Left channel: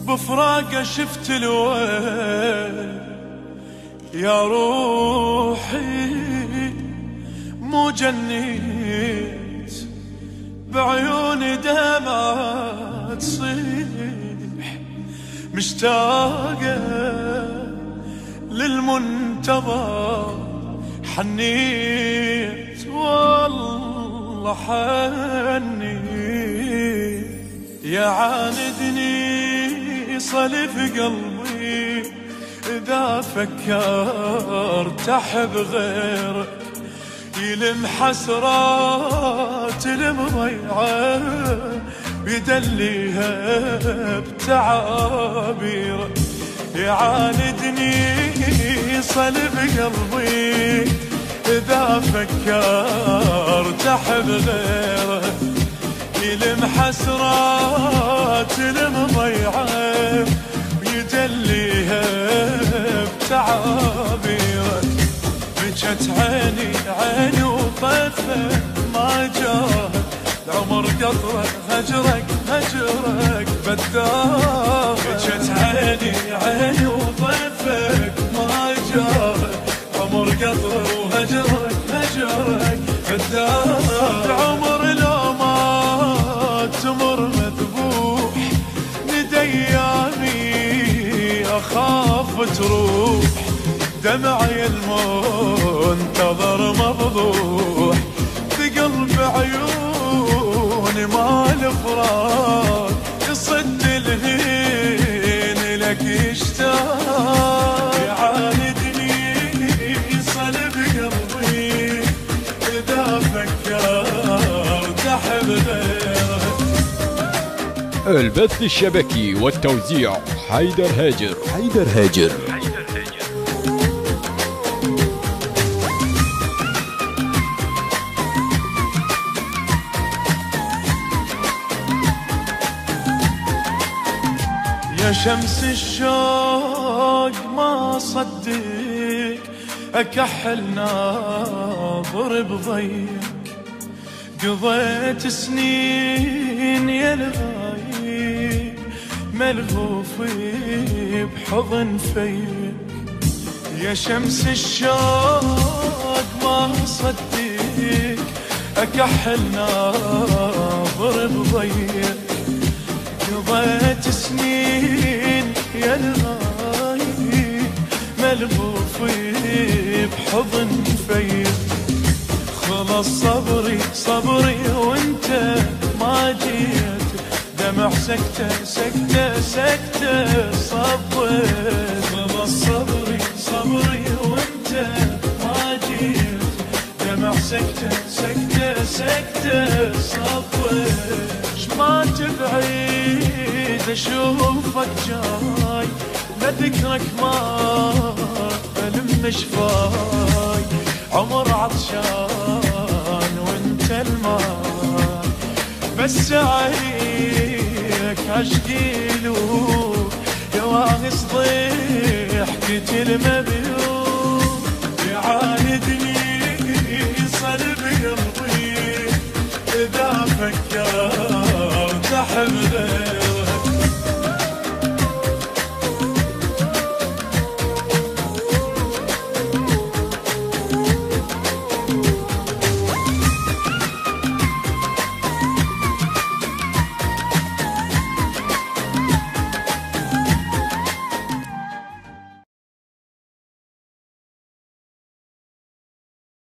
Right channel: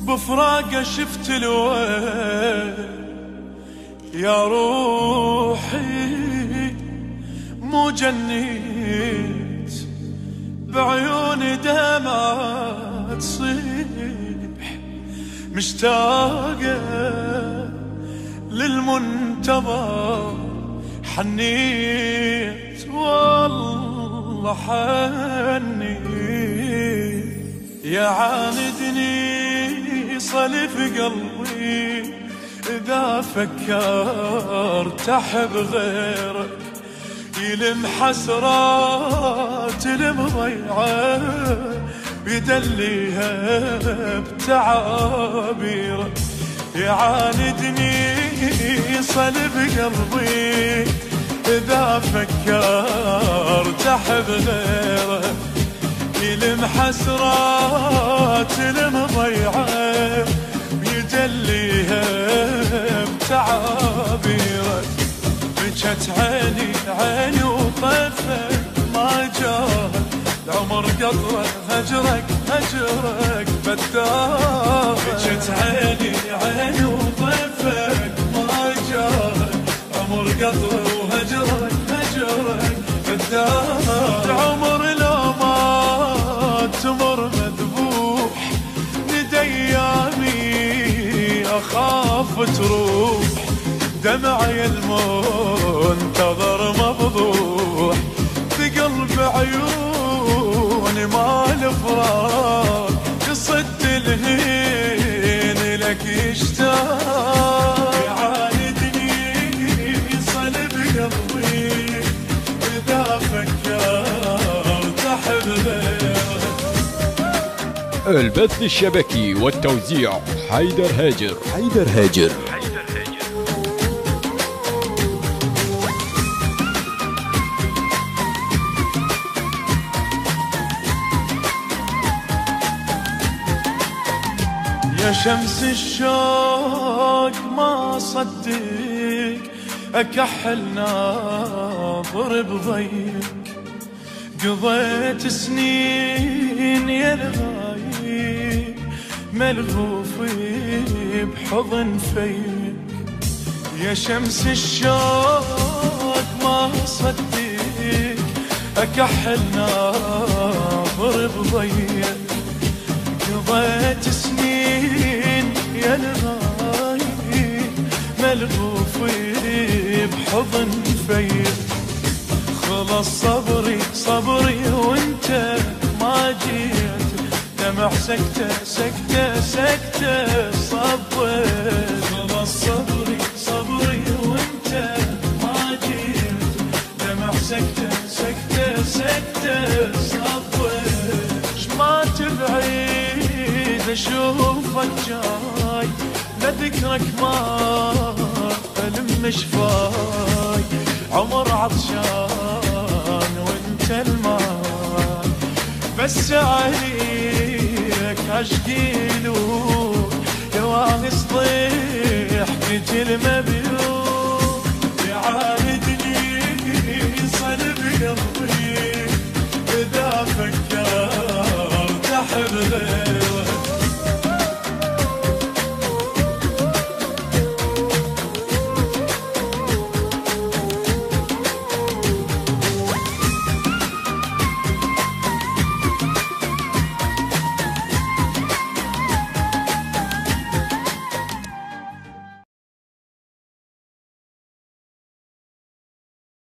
بفراقه شفت الويل يا روحي، مو جنيت بعيوني دمعة تصيح، مشتاقة للمنتظر حنيت والله حنيت، يا عاندني صلي في قلبي إذا فكرت أحب غيرك، يلم حسرات المضيعة ويدليها بتعابيره، يعاندني صلي في قلبي إذا فكرت أحب غيرك، يلم حسرات المضيعة ويجليها بتعابيره، بجت عيني وطفت ما جاهد العمر قطرة هجرك بداها، بجت عيني وطفت ما جاهد العمر قطرة وهجرك بداها، العمر لو ما تمر مذبوح ندى ايامي اخاف تروح، دمعي المنتظر مفضوح، ثقل بعيوني مال فراق، يصد الهين لك يشتاق، يعاندني صلب قلبي إذا فكرت أحب غيرك. البث الشبكي والتوزيع حيدر هاجر. يا شمس الشوق ما صدق أكحل ناظر بضيق، قضيت سنين يا الغايب ملهوف بحضن فيك، يا شمس الشوق ما صدق أكحل ناظر بضيق، قضيت سنين يا الغايب ملهوف بحضن فيك، خلص صبري وانت ما جيت، دمع سكتة صبيت، خلص صبري وانت ما جيت، دمع سكتة صبيت، شما تبعيد اشوفك جاي، لذكرك ما ألم شفاي، عمر عطشان وانت الماي، بس عليك عشقي لوك، يا وانس ضحكة المبيوت.